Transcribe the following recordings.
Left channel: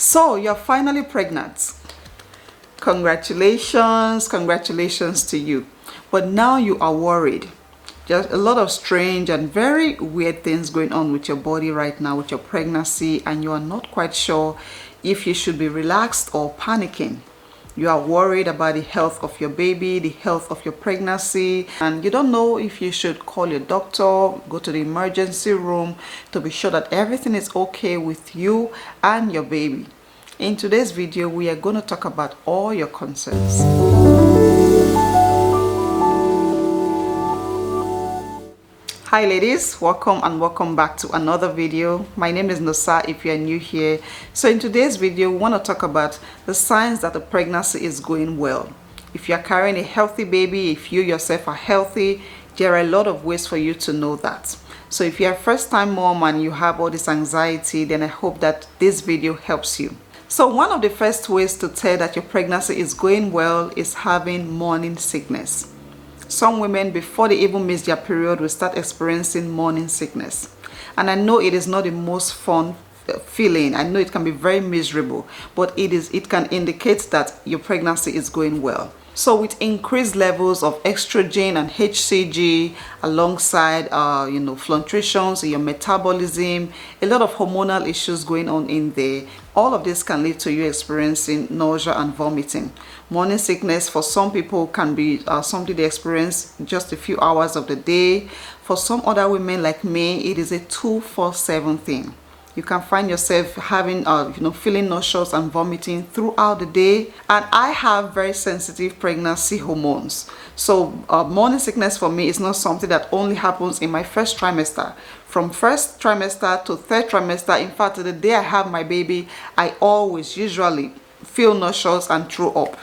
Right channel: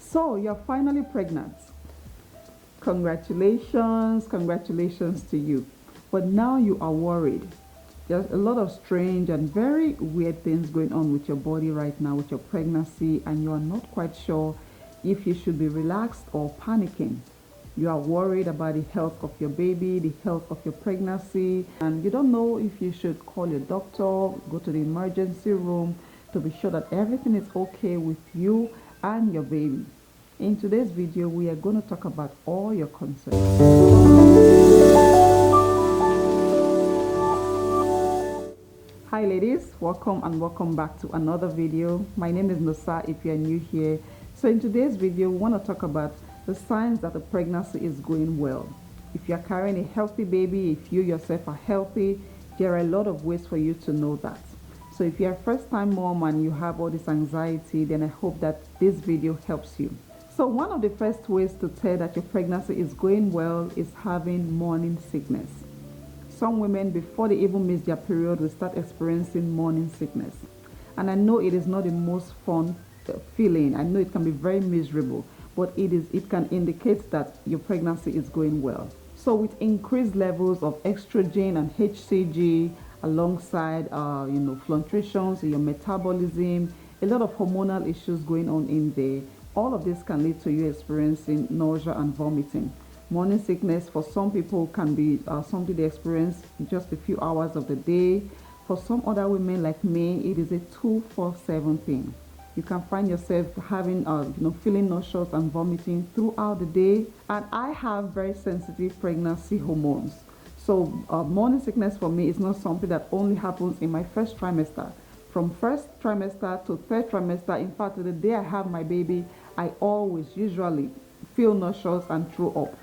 So you're finally pregnant. Congratulations, congratulations to you. But now you are worried. Just a lot of strange and very weird things going on with your body right now with your pregnancy, and you are not quite sure if you should be relaxed or panicking. You are worried about the health of your baby, the health of your pregnancy, and you don't know if you should call your doctor, go to the emergency room to be sure that everything is okay with you and your baby. In today's video, we are going to talk about all your concerns. Hi ladies, welcome and welcome back to another video. My name is Nosa if you are new here. So in today's video, we want to talk about the signs that the pregnancy is going well. If you are carrying a healthy baby, if you yourself are healthy, there are a lot of ways for you to know that. So if you're a first-time mom and you have all this anxiety, then I hope that this video helps you. So one of the first ways to tell that your pregnancy is going well is having morning sickness. Some women, before they even miss their period, will start experiencing morning sickness. And I know it is not the most fun feeling. I know it can be very miserable, but it can indicate that your pregnancy is going well. So with increased levels of estrogen and HCG alongside fluctuations in your metabolism, a lot of hormonal issues going on in there, all of this can lead to you experiencing nausea and vomiting. Morning sickness for some people can be something they experience just a few hours of the day. For some other women like me, it is a 24/7 thing. You can find yourself having, feeling nauseous and vomiting throughout the day. And I have very sensitive pregnancy hormones. So morning sickness for me is not something that only happens in my first trimester. From first trimester to third trimester, in fact, the day I have my baby, I always usually feel nauseous and throw up.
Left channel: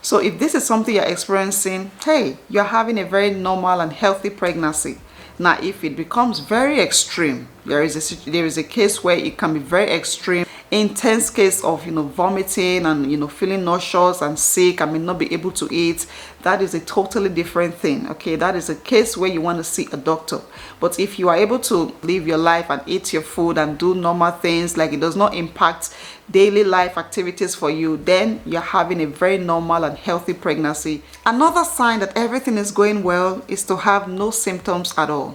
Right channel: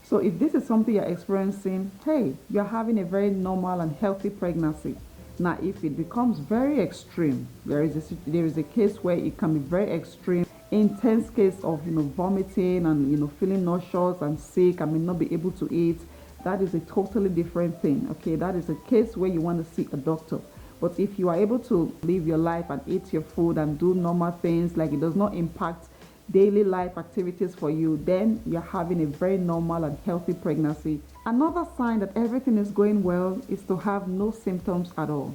So if this is something you're experiencing, hey, you're having a very normal and healthy pregnancy. Now, if it becomes very extreme, there is a case where it can be very extreme, intense case of vomiting and feeling nauseous and sick and may not be able to eat. That is a totally different thing. Okay, that is a case where you want to see a doctor. But if you are able to live your life and eat your food and do normal things, like it does not impact daily life activities for you, then you're having a very normal and healthy pregnancy. Another sign that everything is going well is to have no symptoms at all.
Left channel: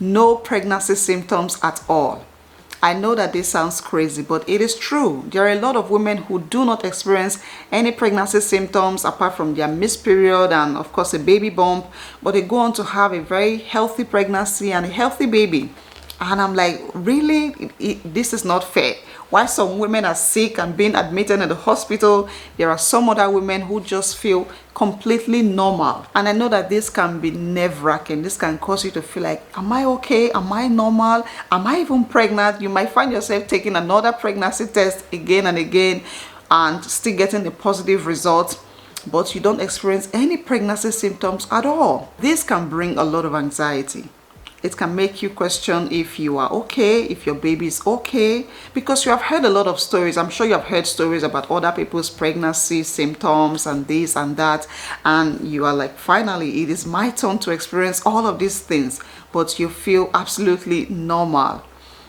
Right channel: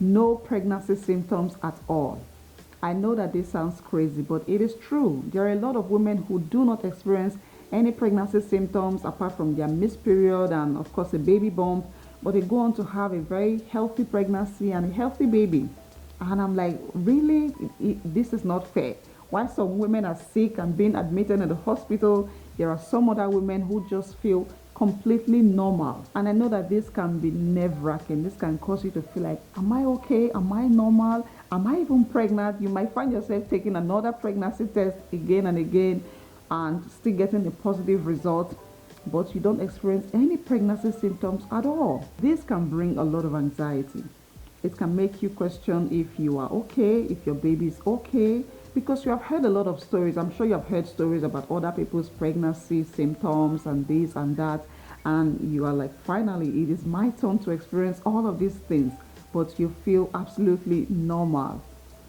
No pregnancy symptoms at all. I know that this sounds crazy, but it is true. There are a lot of women who do not experience any pregnancy symptoms apart from their missed period and of course a baby bump, but they go on to have a very healthy pregnancy and a healthy baby. And I'm like, really? This is not fair. Why some women are sick and being admitted in the hospital, there are some other women who just feel completely normal. And I know that this can be nerve-wracking. This can cause you to feel like, am I okay? Am I normal? Am I even pregnant? You might find yourself taking another pregnancy test again and again and still getting a positive result, but you don't experience any pregnancy symptoms at all. This can bring a lot of anxiety. It can make you question if you are okay, if your baby is okay, because you have heard a lot of stories. I'm sure you have heard stories about other people's pregnancy symptoms and this and that, and you are like, finally, it is my turn to experience all of these things, but you feel absolutely normal.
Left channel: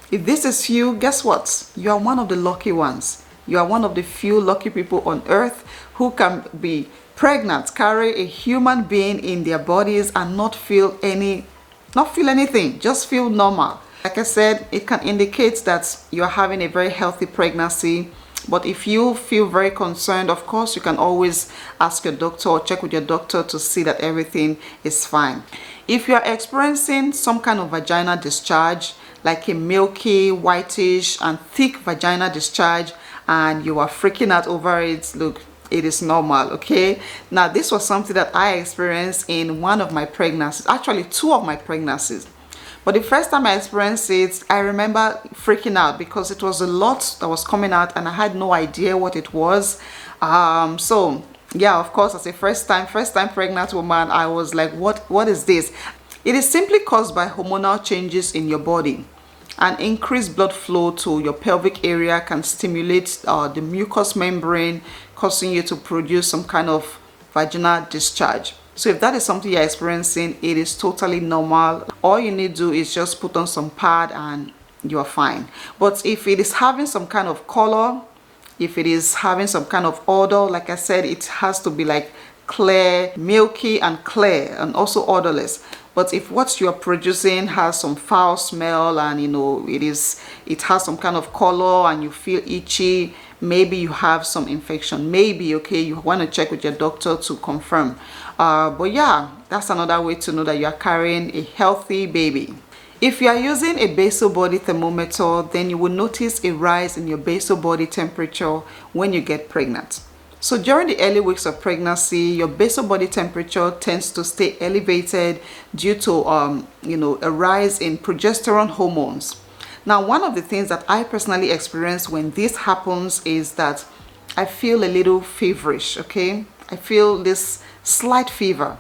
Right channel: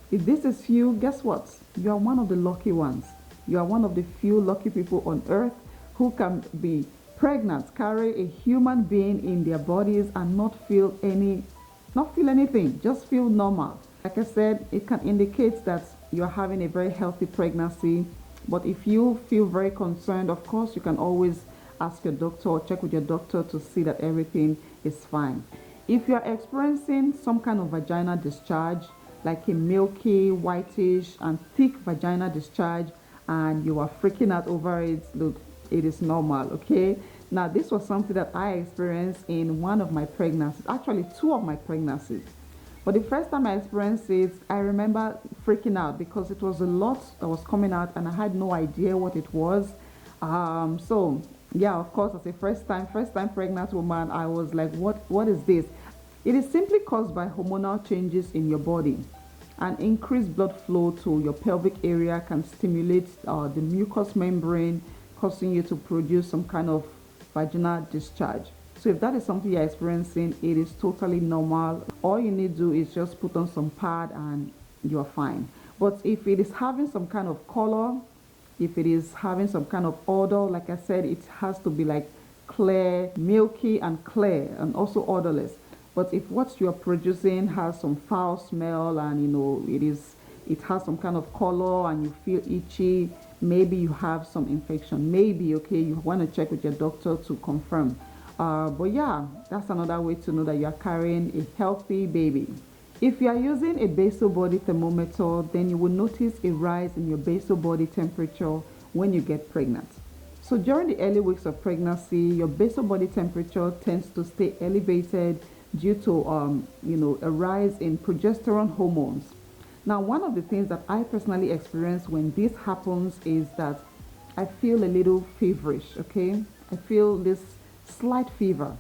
If this is you, guess what? You are one of the lucky ones. You are one of the few lucky people on earth who can be pregnant, carry a human being in their bodies and not feel anything, just feel normal. Like I said, it can indicate that you're having a very healthy pregnancy. But if you feel very concerned, of course, you can always ask your doctor or check with your doctor to see that everything is fine. If you're experiencing some kind of vaginal discharge, like a milky, whitish, and thick vaginal discharge, and you are freaking out over it, look, it is normal. Okay, now this was something that I experienced in one of my pregnancies, actually two of my pregnancies. But the first time I experienced it, I remember freaking out because it was a lot that was coming out and I had no idea what it was. So yeah, of course, as a first time pregnant woman, I was like, what is this? It is simply caused by hormonal changes in your body. An increased blood flow to your pelvic area can stimulate the mucous membrane, causing you to produce some kind of vaginal discharge. So if that is something you're experiencing, it is totally normal. All you need to do is just put on some pad and you're fine. But if it is having some kind of color, If it is having some kind of odor, like I said, it has to be like clear, milky and clear, and also odorless. But if what you're producing has some foul smell, and it has some kind of color and you feel itchy, maybe you have some infection. Maybe, okay, you want to check with your doctor to confirm. But yeah, that's another way to know that you are carrying a healthy baby. If you are using a basal body thermometer, then you will notice a rise in your basal body temperature when you get pregnant. So during the early weeks of pregnancy, your basal body temperature tends to stay elevated due to a rise in progesterone hormones. Now, one of the things that I personally experience when this happens is that I feel a little feverish, okay? I feel this slight fever.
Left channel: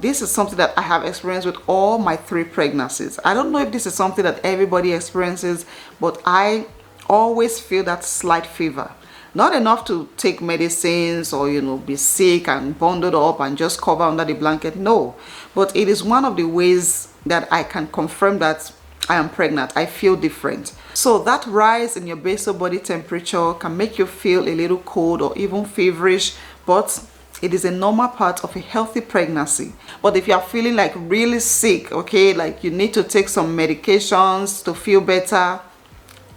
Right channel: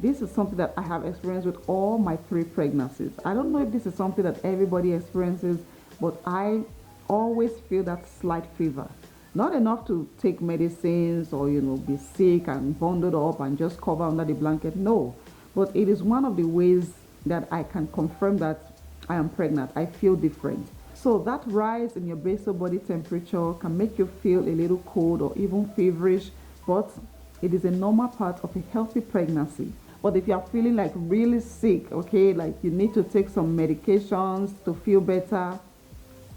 This is something that I have experienced with all my 3 pregnancies. I don't know if this is something that everybody experiences, but I always feel that slight fever. Not enough to take medicines or, be sick and bundled up and just cover under the blanket. No, but it is one of the ways that I can confirm that I am pregnant. I feel different. So that rise in your basal body temperature can make you feel a little cold or even feverish, but it is a normal part of a healthy pregnancy. But if you are feeling like really sick, okay, like you need to take some medications to feel better,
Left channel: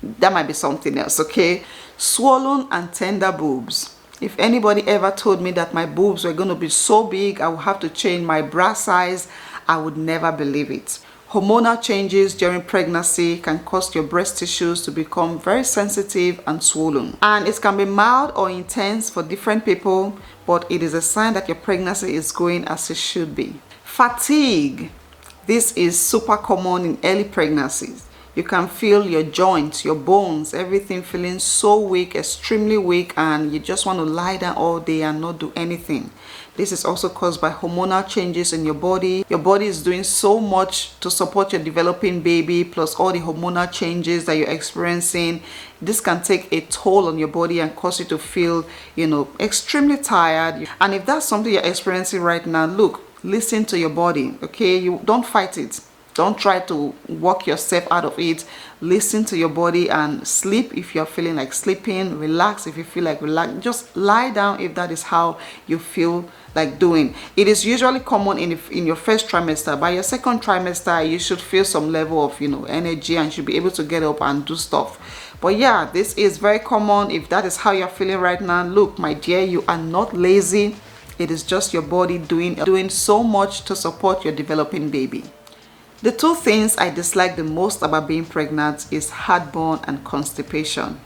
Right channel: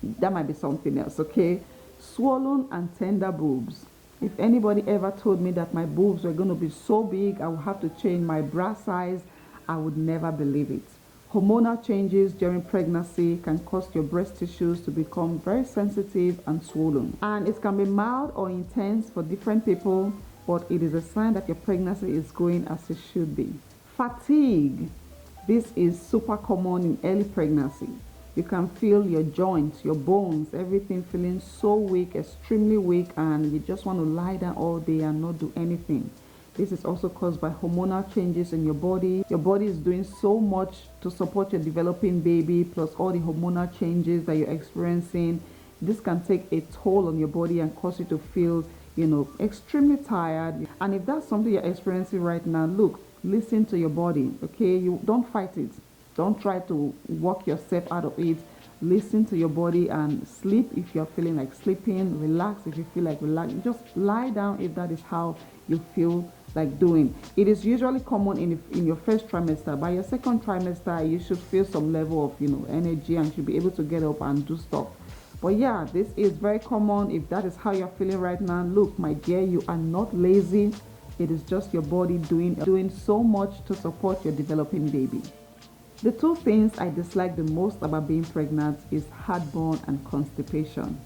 that might be something else, okay? Swollen and tender boobs. If anybody ever told me that my boobs were going to be so big, I would have to change my bra size, I would never believe it. Hormonal changes during pregnancy can cause your breast tissues to become very sensitive and swollen. And it can be mild or intense for different people, but it is a sign that your pregnancy is going as it should be. Fatigue. This is super common in early pregnancies. You can feel your joints, your bones, everything feeling so weak, extremely weak, and you just want to lie down all day and not do anything. This is also caused by hormonal changes in your body. Your body is doing so much to support your developing baby, plus all the hormonal changes that you're experiencing. This can take a toll on your body and cause you to feel, extremely tired. And if that's something you're experiencing right now, look, listen to your body, okay? You don't fight it. Don't try to walk yourself out of it. Listen to your body and sleep if you're feeling like sleeping. Relax if you feel like relaxing. Just lie down if that is how you feel like doing. It is usually common in your first trimester. By your second trimester, you should feel some level of energy and should be able to get up and do stuff. But yeah, this is very common. If that is how you're feeling right now, look, my dear, you are not lazy. It is just your body doing so much to support your developing baby. The 2 things I dislike the most about being pregnant is heartburn and constipation.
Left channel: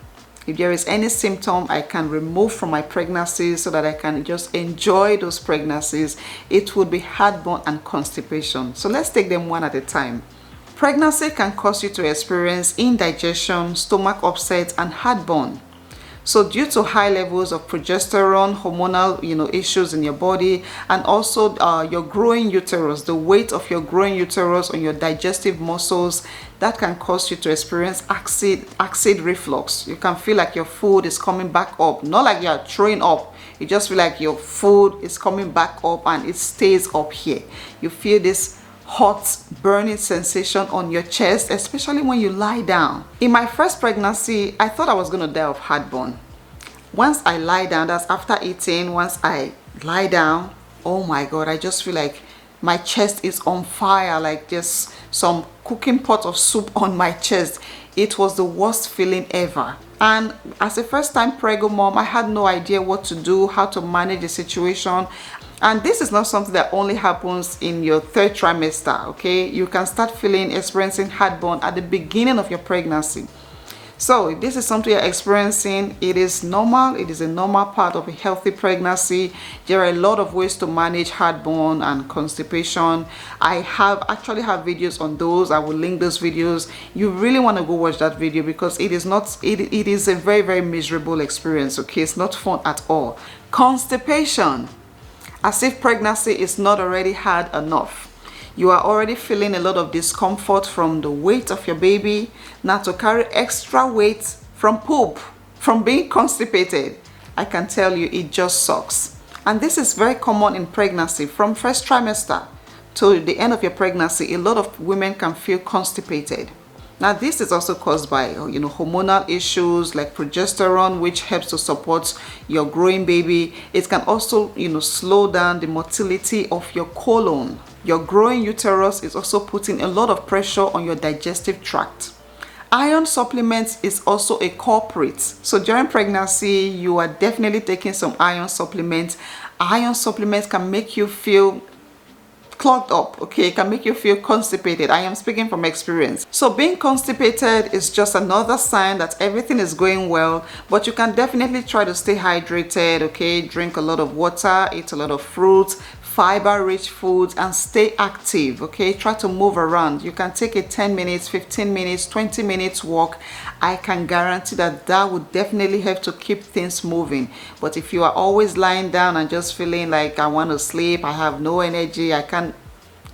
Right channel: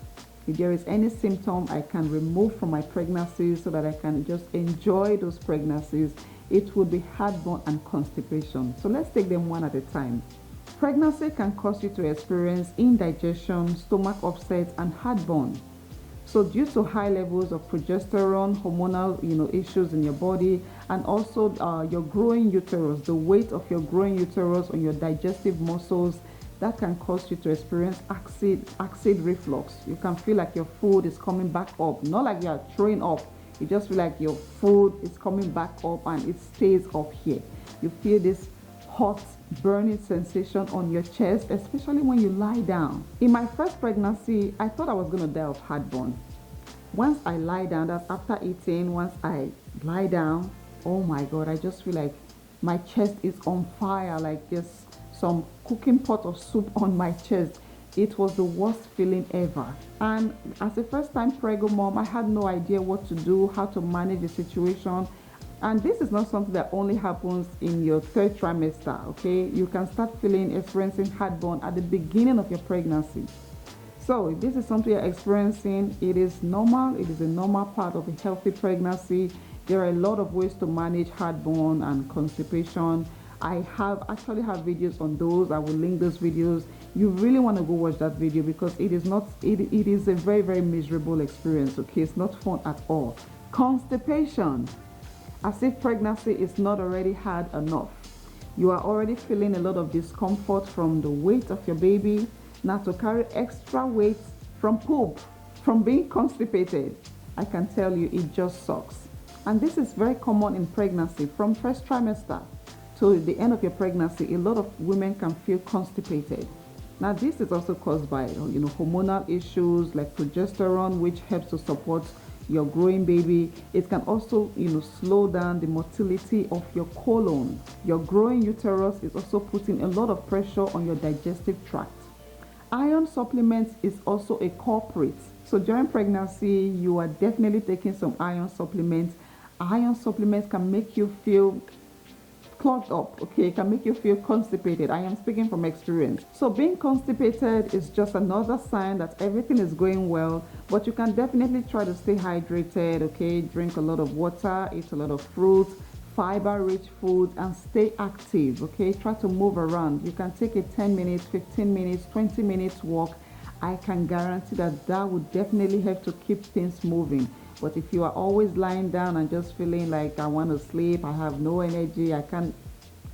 If there is any symptom I can remove from my pregnancy so that I can just enjoy those pregnancies, it would be heartburn and constipation. So let's take them one at a time. Pregnancy can cause you to experience indigestion, stomach upset, and heartburn. So due to high levels of progesterone, hormonal issues in your body, and also your growing uterus, the weight of your growing uterus on your digestive muscles, that can cause you to experience acid reflux. You can feel like your food is coming back up, not like you are throwing up. You just feel like your food is coming back up and it stays up here. You feel this hot burning sensation on your chest, especially when you lie down. In my first pregnancy, I thought I was going to die of heartburn. Once I lie down, that's after eating, once I lie down, oh my God, I just feel like my chest is on fire, like there's some cooking pot of soup on my chest. It was the worst feeling ever. And as a first time preggo mom, I had no idea what to do, how to manage the situation. And this is not something that only happens in your 3rd trimester, okay? You can start experiencing heartburn at the beginning of your pregnancy. So if this is something you're experiencing, it is normal. It is a normal part of a healthy pregnancy. There are a lot of ways to manage heartburn and constipation. I actually have videos on those. I will link those videos. You really want to go watch that video because it is a very, very miserable experience, okay? It's not fun at all. Constipation. As if pregnancy is not already hard enough. You are already feeling a lot of discomfort from the weight of your baby. Now to carry extra weight from poop, from being constipated, I can tell you it just sucks. And this is very common in pregnancy. From first trimester to the end of your pregnancy, a lot of women can feel constipated. Now this is also caused by hormonal issues like progesterone, which helps to support your growing baby. It can also slow down the motility of your colon. Your growing uterus is also putting a lot of pressure on your digestive tract. Iron supplements is also a culprit. So during pregnancy, you are definitely taking some iron supplements. Iron supplements can make you feel clogged up, okay? It can make you feel constipated. I am speaking from experience. So being constipated is just another sign that everything is going well, but you can definitely try to stay hydrated, okay? Drink a lot of water, eat a lot of fruits, fiber-rich foods, and stay active, okay? Try to move around. You can take a 10 minutes, 15 minutes, 20 minutes walk. I can guarantee that that would definitely help to keep things moving. But if you are always lying down and just feeling like I want to sleep, I have no energy, I can't,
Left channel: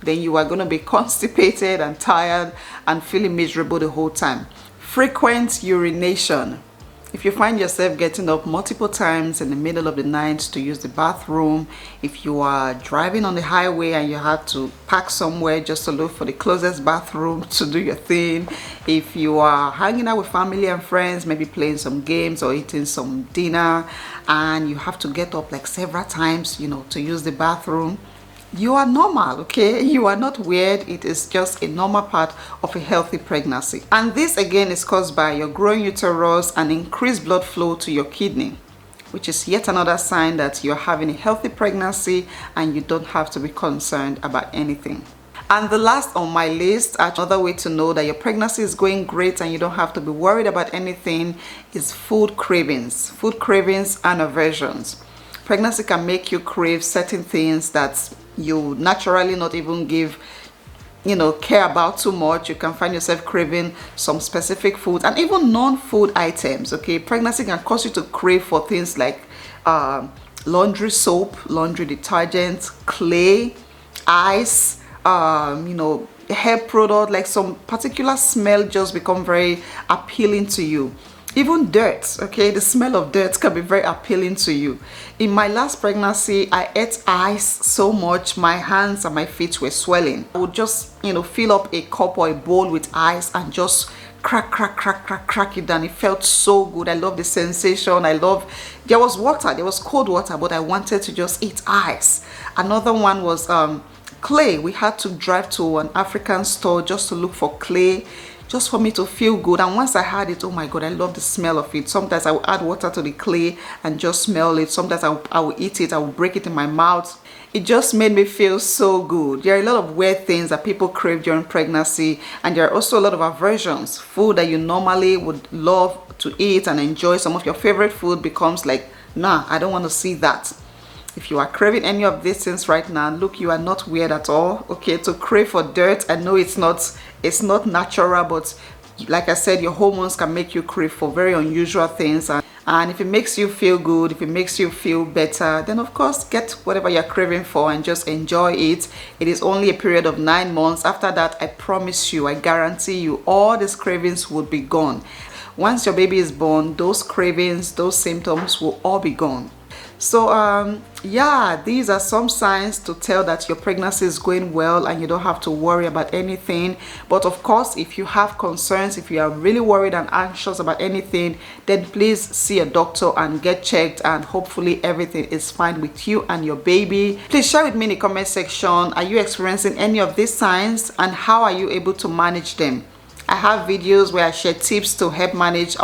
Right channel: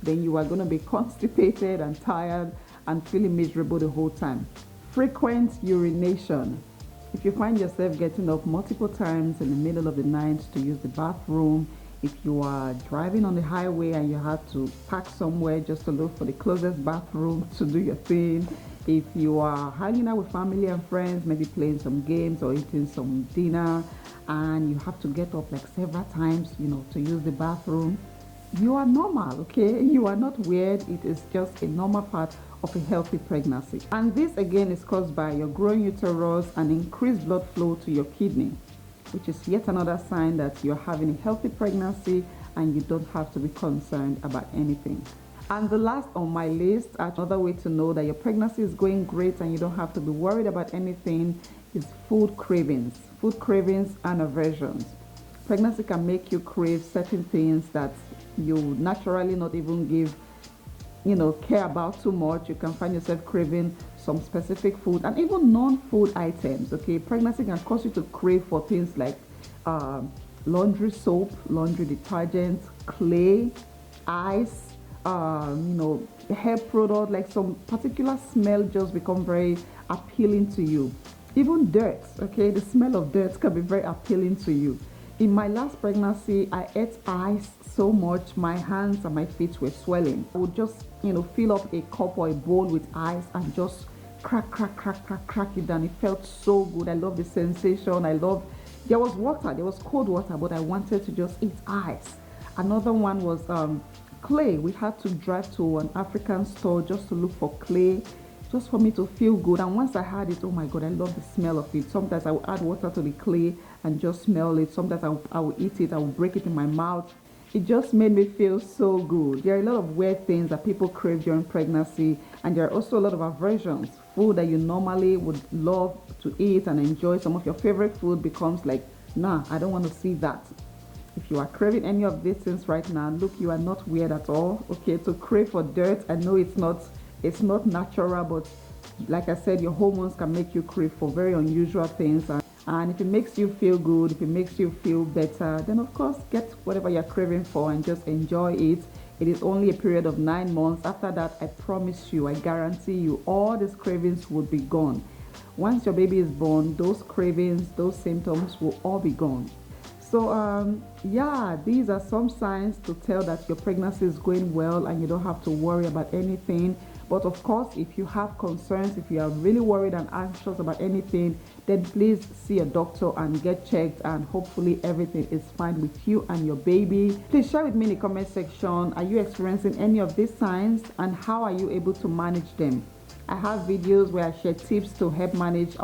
then you are going to be constipated and tired and feeling miserable the whole time. Frequent urination. If you find yourself getting up multiple times in the middle of the night to use the bathroom, if you are driving on the highway and you have to park somewhere just to look for the closest bathroom to do your thing, if you are hanging out with family and friends, maybe playing some games or eating some dinner, and you have to get up like several times, to use the bathroom, you are normal, okay? You are not weird. It is just a normal part of a healthy pregnancy. And this again is caused by your growing uterus and increased blood flow to your kidney, which is yet another sign that you're having a healthy pregnancy and you don't have to be concerned about anything. And the last on my list, another way to know that your pregnancy is going great and you don't have to be worried about anything, is food cravings. Food cravings and aversions. Pregnancy can make you crave certain things that you naturally not even care about too much. You can find yourself craving some specific foods and even non-food items, okay? Pregnancy can cause you to crave for things like laundry soap, laundry detergent, clay, ice, hair product, like some particular smell just become very appealing to you. Even dirt, okay? The smell of dirt can be very appealing to you. In my last pregnancy, I ate ice so much, my hands and my feet were swelling. I would just, fill up a cup or a bowl with ice and just crack it down. It felt so good. I love the sensation. There was water, there was cold water, but I wanted to just eat ice. Another one was clay. We had to drive to an African store just to look for clay, just for me to feel good. And once I had it, oh my God, I love the smell of it. Sometimes I will add water to the clay and just smell it. Sometimes I will eat it, I will break it in my mouth. It just made me feel so good. There are a lot of weird things that people crave during pregnancy, and there are also a lot of aversions. Food that you normally would love to eat and enjoy, some of your favorite food becomes like, nah, I don't want to see that. If you are craving any of these things right now, look, you are not weird at all, okay? To crave for dirt, I know it's not natural, but like I said, your hormones can make you crave for very unusual things. And if it makes you feel good, if it makes you feel better, then of course, get whatever you're craving for and just enjoy it. It is only a period of 9 months. After that, I promise you, I guarantee you, all these cravings will be gone. Once your baby is born, those cravings, those symptoms will all be gone. So yeah, these are some signs to tell that your pregnancy is going well and you don't have to worry about anything. But of course, if you have concerns, if you are really worried and anxious about anything, then please see a doctor and get checked, and hopefully everything is fine with you and your baby. Please share with me in the comment section, are you experiencing any of these signs and how are you able to manage them? I have videos where I share tips to help manage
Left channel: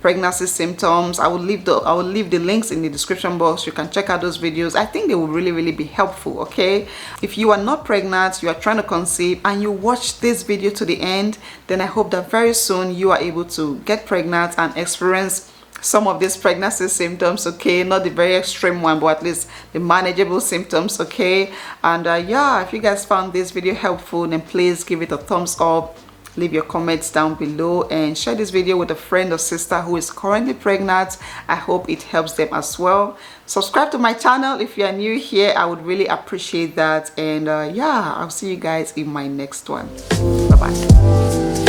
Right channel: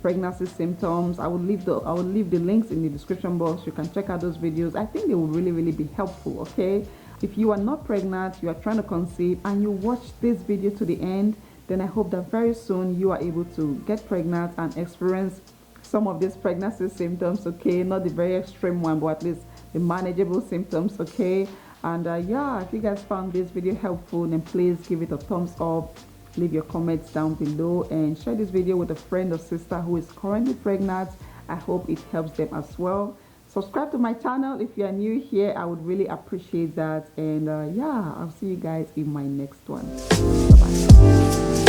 pregnancy symptoms. I will leave the links in the description box. You can check out those videos. I think they will really be helpful, okay? If you are not pregnant, you are trying to conceive, and you watch this video to the end, then I hope that very soon you are able to get pregnant and experience some of these pregnancy symptoms, okay? Not the very extreme one, but at least the manageable symptoms, okay? And yeah, if you guys found this video helpful, then please give it a thumbs up. Leave your comments down below and share this video with a friend or sister who is currently pregnant. I hope it helps them as well. Subscribe to my channel if you are new here. I would really appreciate that. And yeah, I'll see you guys in my next one. Bye-bye.